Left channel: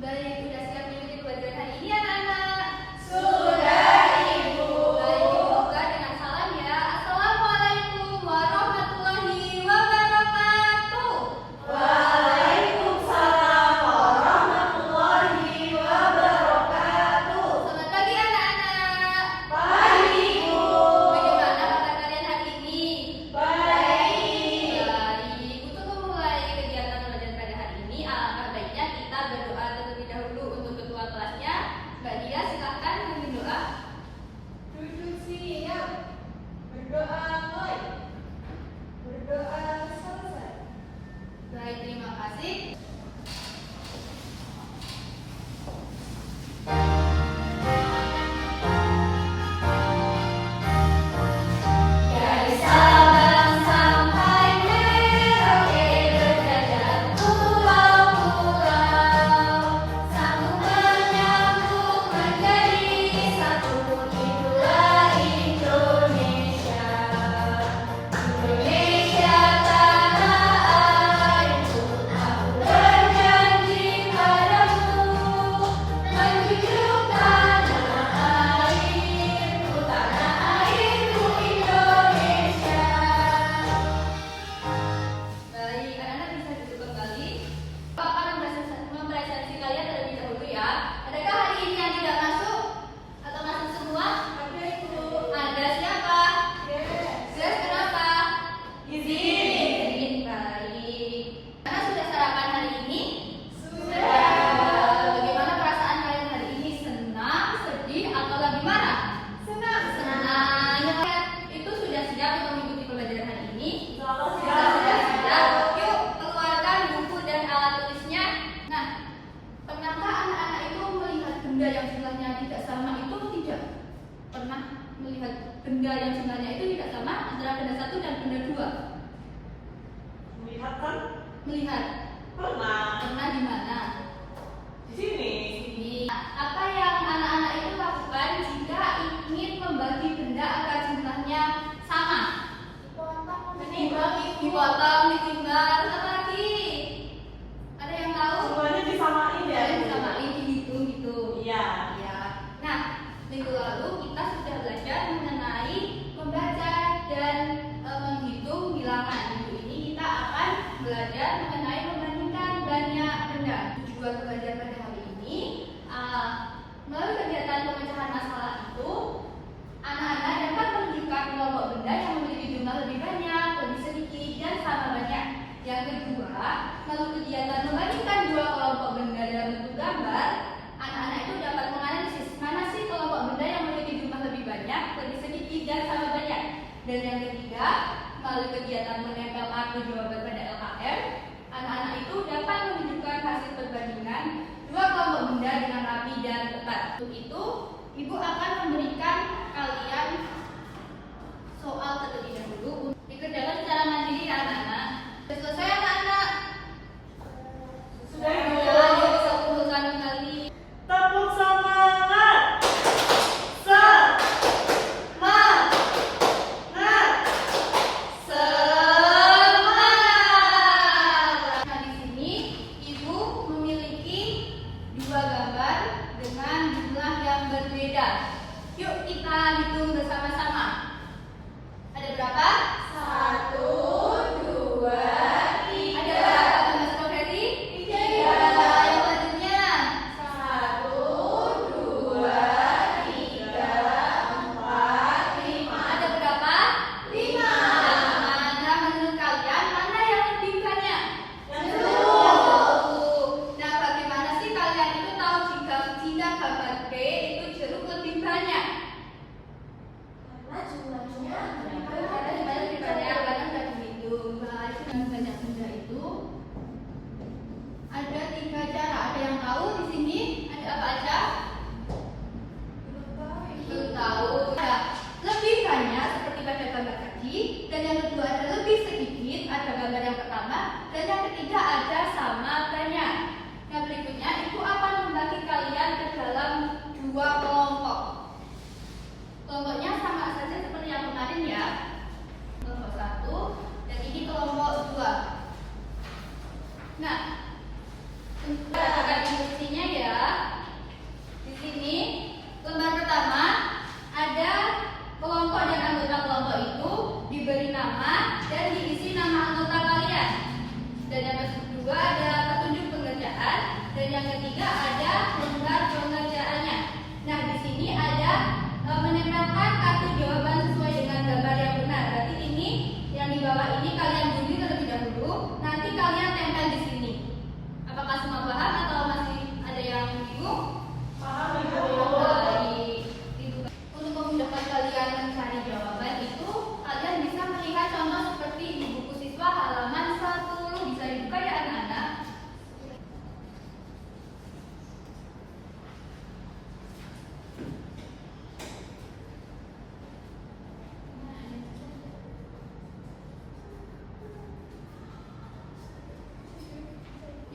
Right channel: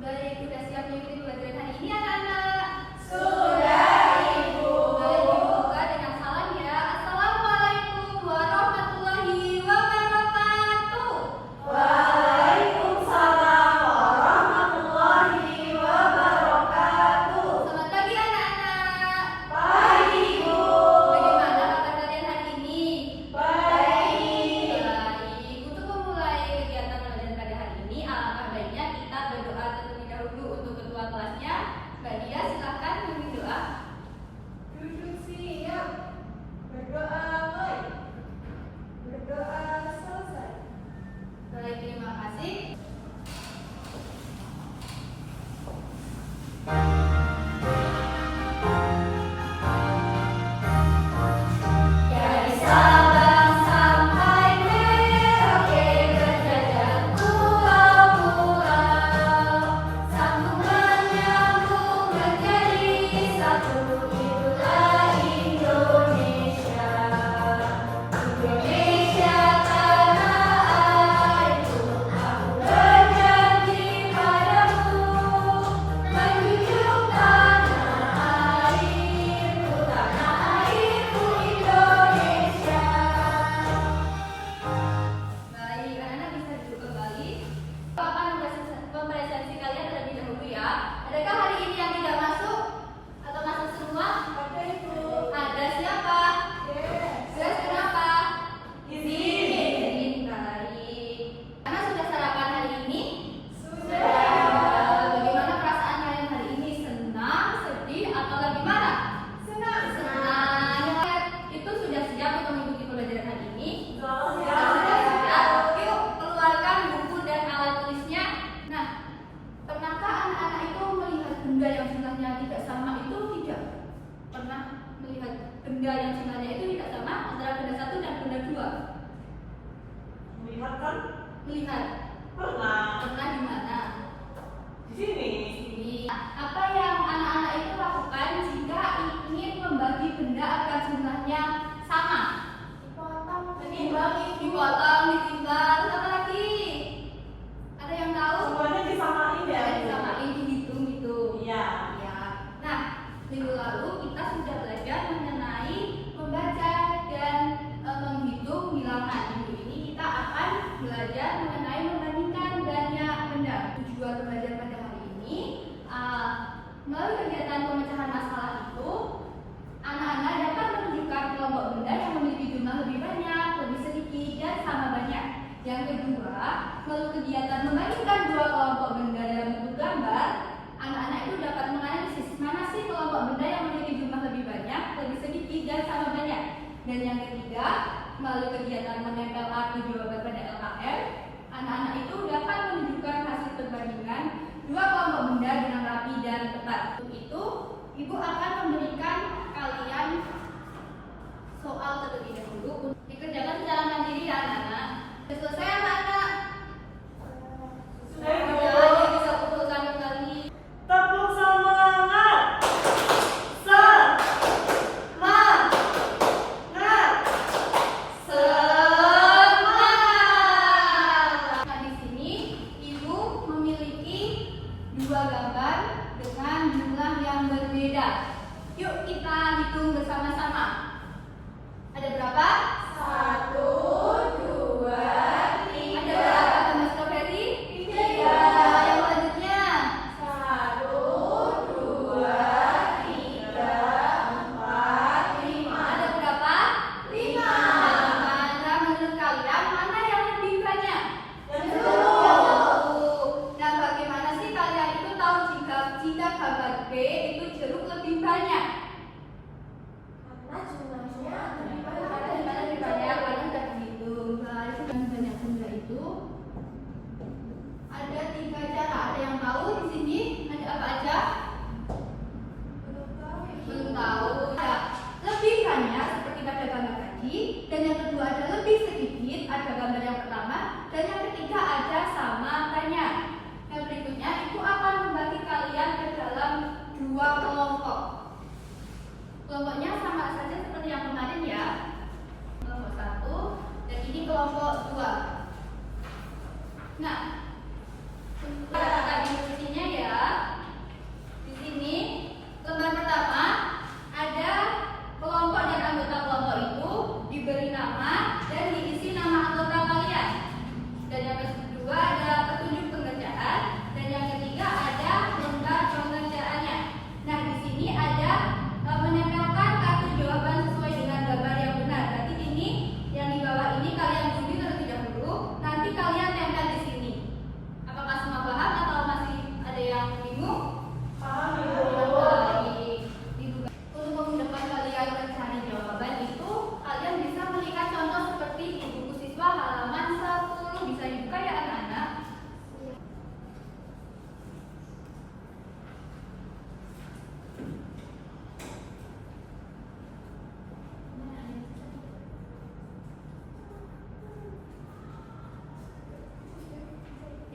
Baik, sudah siap mengikuti pembelajaran hari ini anak-anak? Sudah, Ibu. Baik, buka dengan salam ya. Assalamualaikum warahmatullahi wabarakatuh. Waalaikumsalam warahmatullahi wabarakatuh. Selamat pagi anak-anak. Pagi, Bu. Bagaimana kabar kalian hari ini? Baik. Baik, untuk memulai kegiatan pembelajaran pada hari ini, alangkah baiknya kita berdoa terlebih dahulu untuk ketua kelasnya. Mbak Dia, silahkan memimpin doa. Duduk siap. Berdoa mulai. Berdoa selesai. Baik, terima kasih. Dari Sabang sampai Merauke berjajar pulau-pulau, sambungan nyambung menjadi satu, itulah Indonesia. Indonesia tanah airku, aku berjanji padamu, menjunjung tanah airku Indonesia. Baik, anak-anak bisa duduk kembali. Papa mempresentasi kalian terlebih dahulu ya. Adakah hari ini yang tidak masuk? Atau masuk semua? Ada, Ibu. Ada siapa? Yes. Yes, kenapa? Izin. Baik. Karena sudah sarapan hari ini? Sudah. Bagaimana perasaan kalian hari ini? Senang, sedih, atau bagaimana? Senang. Senang. Itu sudah siap untuk mengikuti pembelajaran hari ini? Sudah Sudah siap. siap. Yuk, keluarkan buku dan alat tulisnya. Nah, pernahkah anak-anak itu melihat benda yang jumlahnya tidak sama itu tidak? Pernah melihat benda yang jumlahnya itu tidak sama antara benda satu dan benda dua? Melihat kan? Melihat. Pernah. Pernah di mana? Di sini. Apa yang anak-anak itu lakukan jika ingin membagi benda agar jumlahnya sama? Dipotong, ditimbang, terus apa lagi? Ada yang tahu? Semuanya disamain ya, Ada Bu? disamain, dihitung gitu. Iya. Ya. Nah, minggu lalu kita sudah belajar mengenai membaca dan menghitung bilangan. Minggu ini kita akan belajar mengenai membandingkan banyak benda. Tujuan belajar pada hari ini, melalui kegiatan pemecahan masalah itu, anak-anak dapat menunjukkan kelompok benda yang memiliki jumlah lebih banyak, lebih sedikit, dan sama banyak. Yang kedua, melalui kegiatan membandingkan dua kelompok benda dalam bentuk gambar, anak-anak itu dapat menganalisis mana sih kelompok benda yang memiliki jumlah lebih banyak, lebih sedikit, dan sama banyak. Dan yang ketiga, melalui kegiatan menempel arti jawaban pada LKM, anak-anak itu dapat menunjukkan hasil perbandingan dua kelompok benda dengan rapi dan tepat. Untuk itu, Ibu akan memberikan kalian soal terlebih dahulu. Dikerjakan secara mandiri ya anak-anak. Sudah selesai anak-anak? Sudah, Bu. Ya, yuk bisa kumpulkan kembali. Tepuk semangat. Semangat! Semangat! Nah, di sini Ibu memiliki dua gambar dengan jumlah yang berbeda. Yuk kita hitung bersama-sama. Ada berapa? 1, 2, 3. Ada berapa gambar stroberi? 3. Yang selanjutnya. 1, 2, 3, 4, 5. Ada berapa? 5. Nah, menurut kalian mana yang lebih banyak? Yang Yang satu. satu. Nah, bagaimana sih kalian itu tahu jika gambar B itu jeruk lebih banyak? Karena jumlahnya Karena jumlahnya lebih banyak, karena sudah dihitung. Nah, itu yang banyak benda itu ada 3 cara. Ada yang tahu di sini? Ada apa aja? Belum tahu. Ya, lebih banyak seperti pada gambar tadi, dan yang kedua ada lebih sedikit, ada gambar yang pertama, dan yang ketiga ada sama banyak. Yang berikutnya, Ibu akan membagi kalian ke dalam 2 kelompok. Kelompoknya sama saja seperti yang kemarin ya. Kelompok 1 dan ini kelompok 2. Nah, katakan instruksinya ya.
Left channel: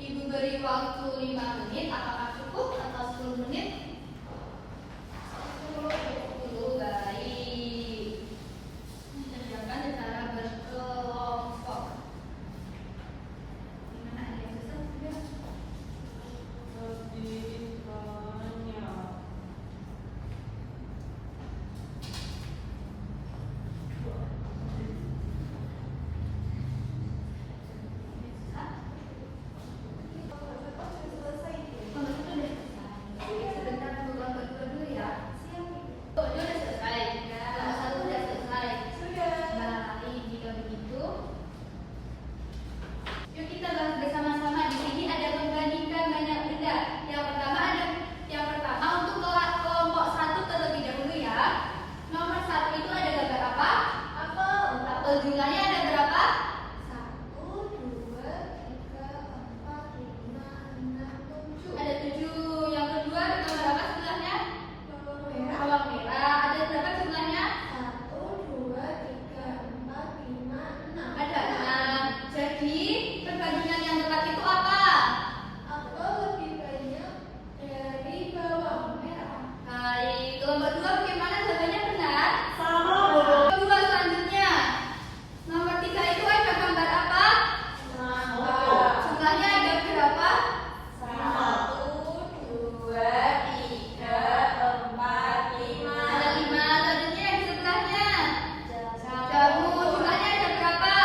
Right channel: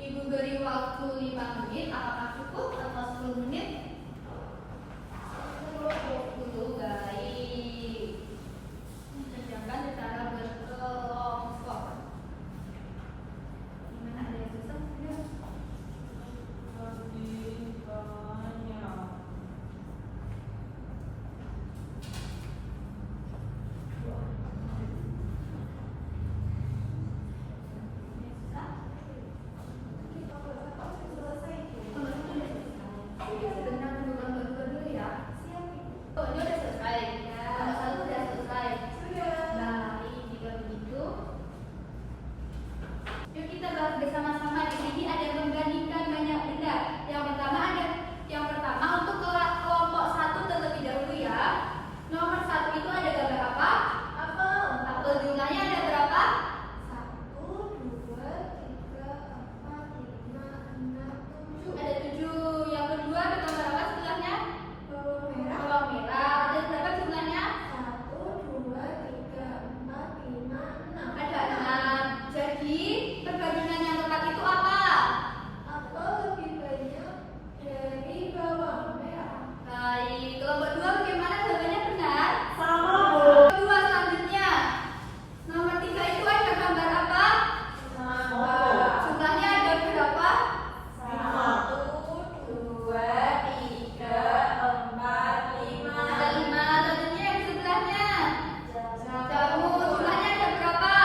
Ibu beri waktu 5 menit. Apakah cukup atau 10 menit? 10. Baik. Kerjakan secara berkelompok. Gimana, ada yang susah? Jumlahnya ada berapa? 1, 2, 3, 4, 5, 6, 7. Ada 7. Yang kedua ada gambar apa sebelahnya? Bawang merah. Bawang merah. Ada berapa jumlahnya? 1, 2, 3, 4, 5, 6. Ada 6. Jadi perbandingan yang tepat itu apa? Apel lebih banyak dari bawang merah. Baik. Kelompok 2 bagaimana jawabannya benar? Sama, Bu. Kedua selanjutnya. Nomor 3 itu ada gambar apa? Jumlahnya ada berapa? 1, 2, 3, 4, 5. Ada 5. Selanjutnya yang di sebelahnya. Jamu. Jumlahnya ada berapa?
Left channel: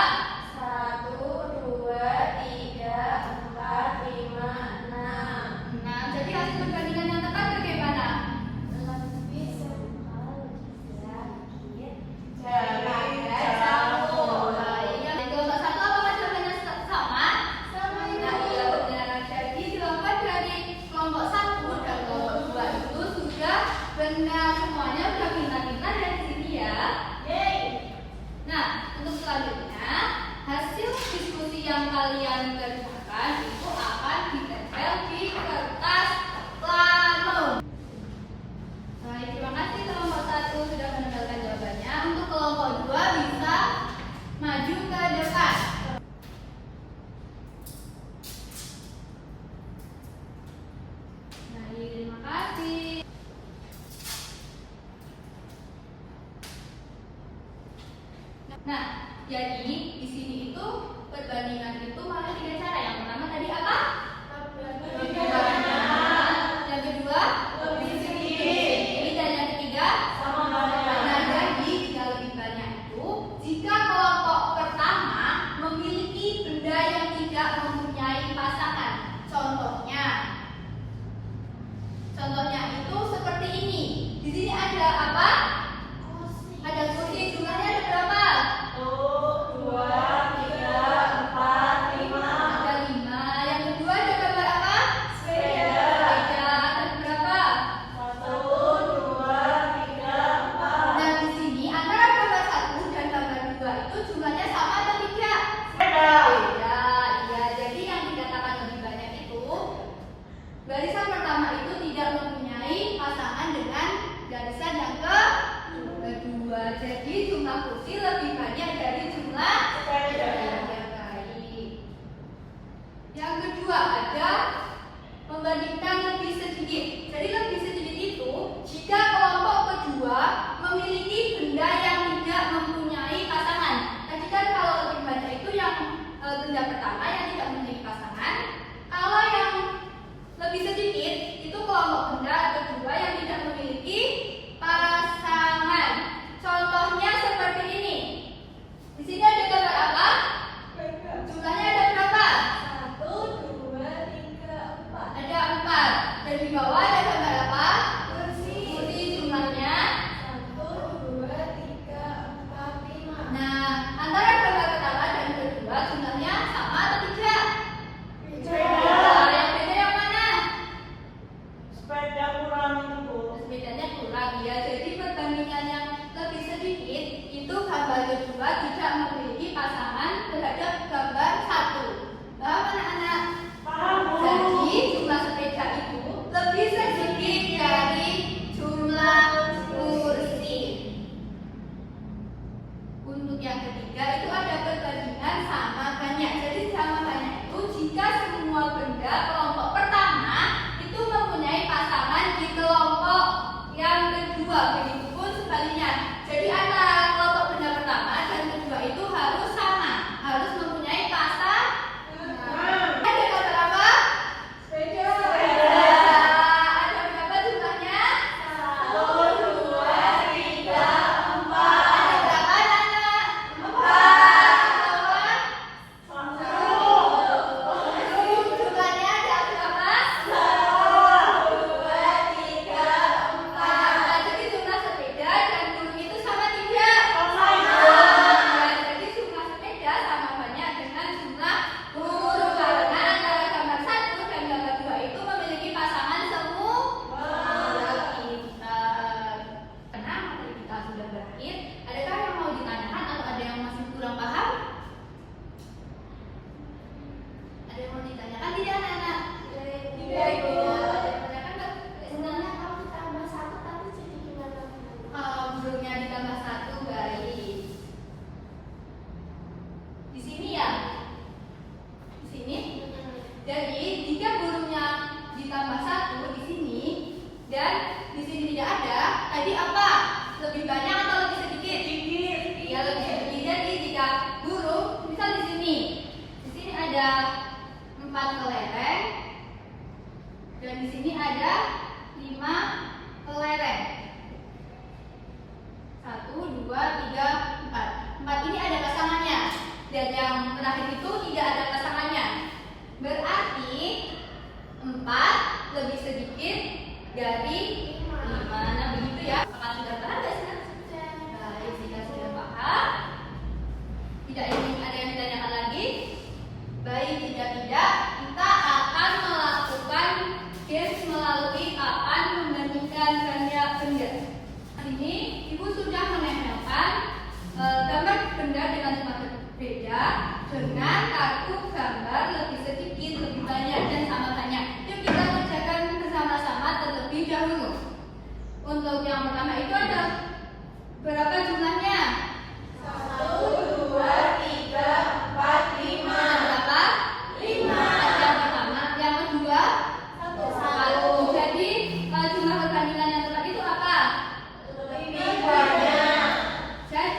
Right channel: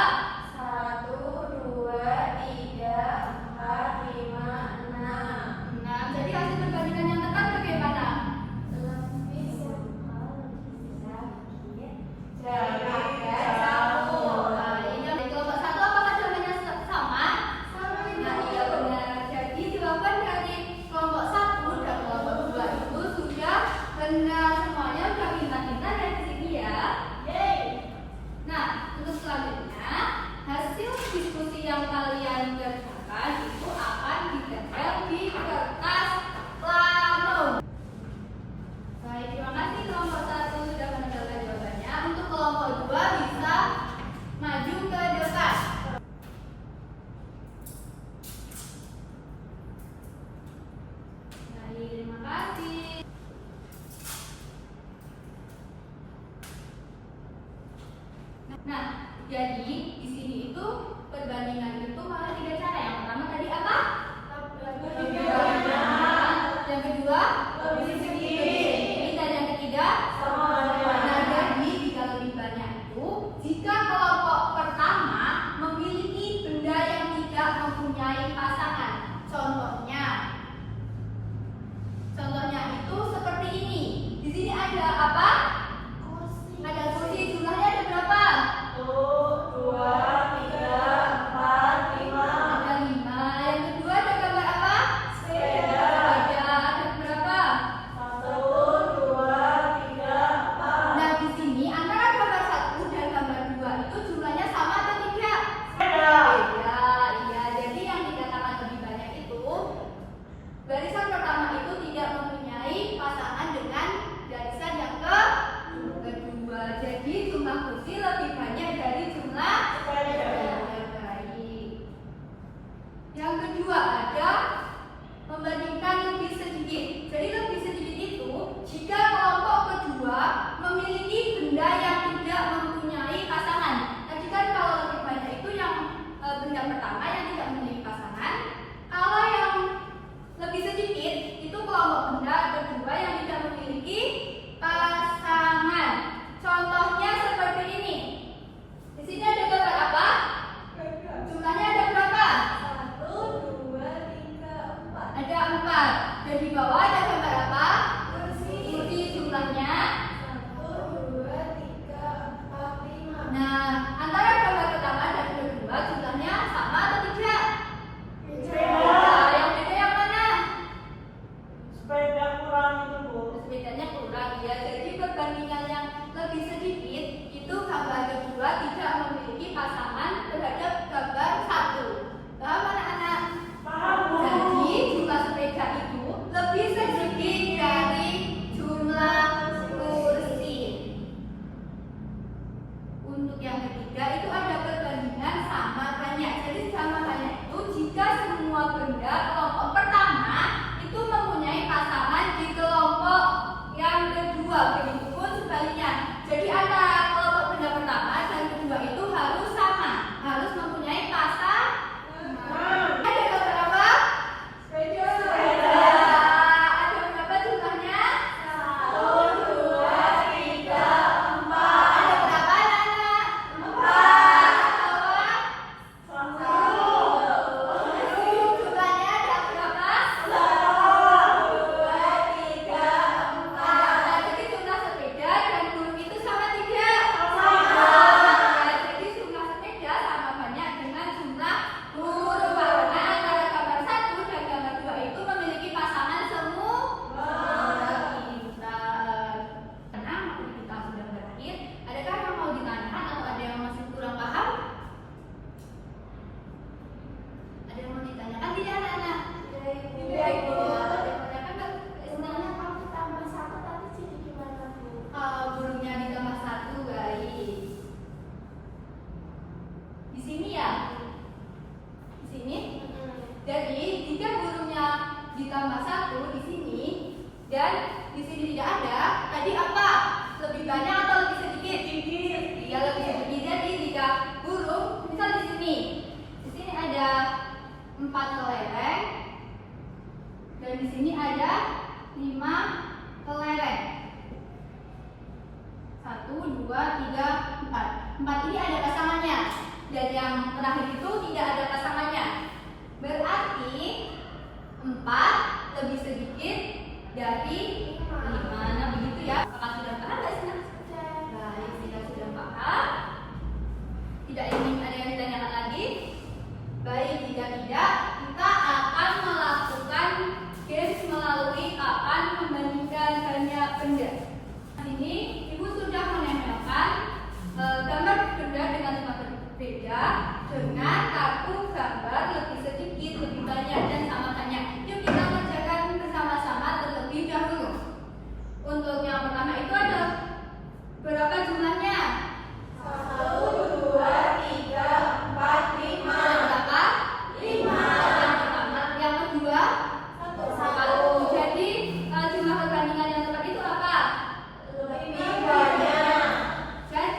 1, 2, 3, 4, 5, 6. 6. Jadi hasil perbandingan yang tepat bagaimana? Lebih sedikit. Jaraknya Jamu. Baik. Yang di kelompok 1 apakah jawabannya sama? Sama Nah, iya benar. Jadi jawaban dari kelompok 1 dan kelompok 2 itu sudah benar semuanya, sudah pintar-pintar ya di sini ya. Nah, untuk selanjutnya hasil diskusi yang kalian kerjakan itu akan ditempel di kertas plano. Baik, terima kasih kelompok 1 sudah menempelkan jawabannya. Untuk kelompok 2 bisa maju ke depan. Baik, terima kasih. Nah, jadi di sini itu perbandingan itu malah 3 cara. Yang pertama tadi apa? Lebih Yang kedua, Lebih sedikit. Dan yang ketiga, nah, jadi jika lebih banyak itu, jika kelompok pertama memiliki benda yang tidak mempunyai pasangan. Contohnya itu seperti ini. Di sini ada apa? Ada kursi. Jumlahnya ada berapa? 1, 2, 3, 4, 5. Ada 5. Yang kedua ada gambar apa? Sepeda. Sepeda. Ada berapa? kata kelompok benda pertama dan kedua itu harus sama, harus mempunyai pasangan. Ada gambar apa? Sepeda. Ada berapa jumlahnya? 1, 2, 3, 4. Ada berapa anak? 4. Jumlahnya ada berapa? 1, 2, 3, 4. Nah, jadi jumlah sepeda dan burung itu sama tidak? Sama. Nah, jadi jumlah sepeda sama banyak dengan jumlah burung karena antara gambar 1 dan gambar 2 itu memiliki pasangan semua. Pintar. Karena materi kita sudah berakhir, adakah yang mau ditanyakan atau ada yang masih kurang paham? Ada yang mau ditanyakan tidak anak-anak? Tidak, Ibu. Ada yang menanyakan nggak? Sebenarnya kalau ditambah 1 tapi jadi gimana, Bu? Kalau burungnya ditambah 1 baik. Di sini ya? Di sini? Jadi jika burungnya ditambah 1 di sini dan di sini tidak ada, tadi apa? Lebih banyak atau lebih sedikit? Sedikit. Iya, lebih sedikit. Jadi jika burung, misal di sini ada 4 kelereng dan di sini ada 5 kelereng. 1, 2, 3, 4. 4 ini ada pasangannya dan yang terakhir itu tidak ada pasangannya. Berarti 4 lebih sedikit dari 5. Nah, begitu ya. Apakah sudah paham guys? Baik, kita sudah paham. Tidak ingin ada yang ditanyakan lagi? Baik, jika tidak, kita akan melakukan games melalui papan membandingkan banyak benda. Ini Ibu sudah menempelkan gambar benda dengan tempat berbeda dengan kartu gambar lebih sedikit, lebih banyak dan sama banyak. Yuk kita kerjakan bersama-sama terlebih dahulu. Untuk yang pertama itu ada berapa jumlahnya? 1, 2, 3, 4, 5. Berapa? 5. Yang pertama, yang kedua? 1. Jadi jumlah perbandingan yang tepat itu apa? Lebih banyak. Dan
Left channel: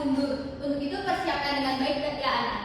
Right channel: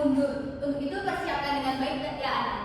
mundur. Untuk itu persiapkan dengan baik ya anak.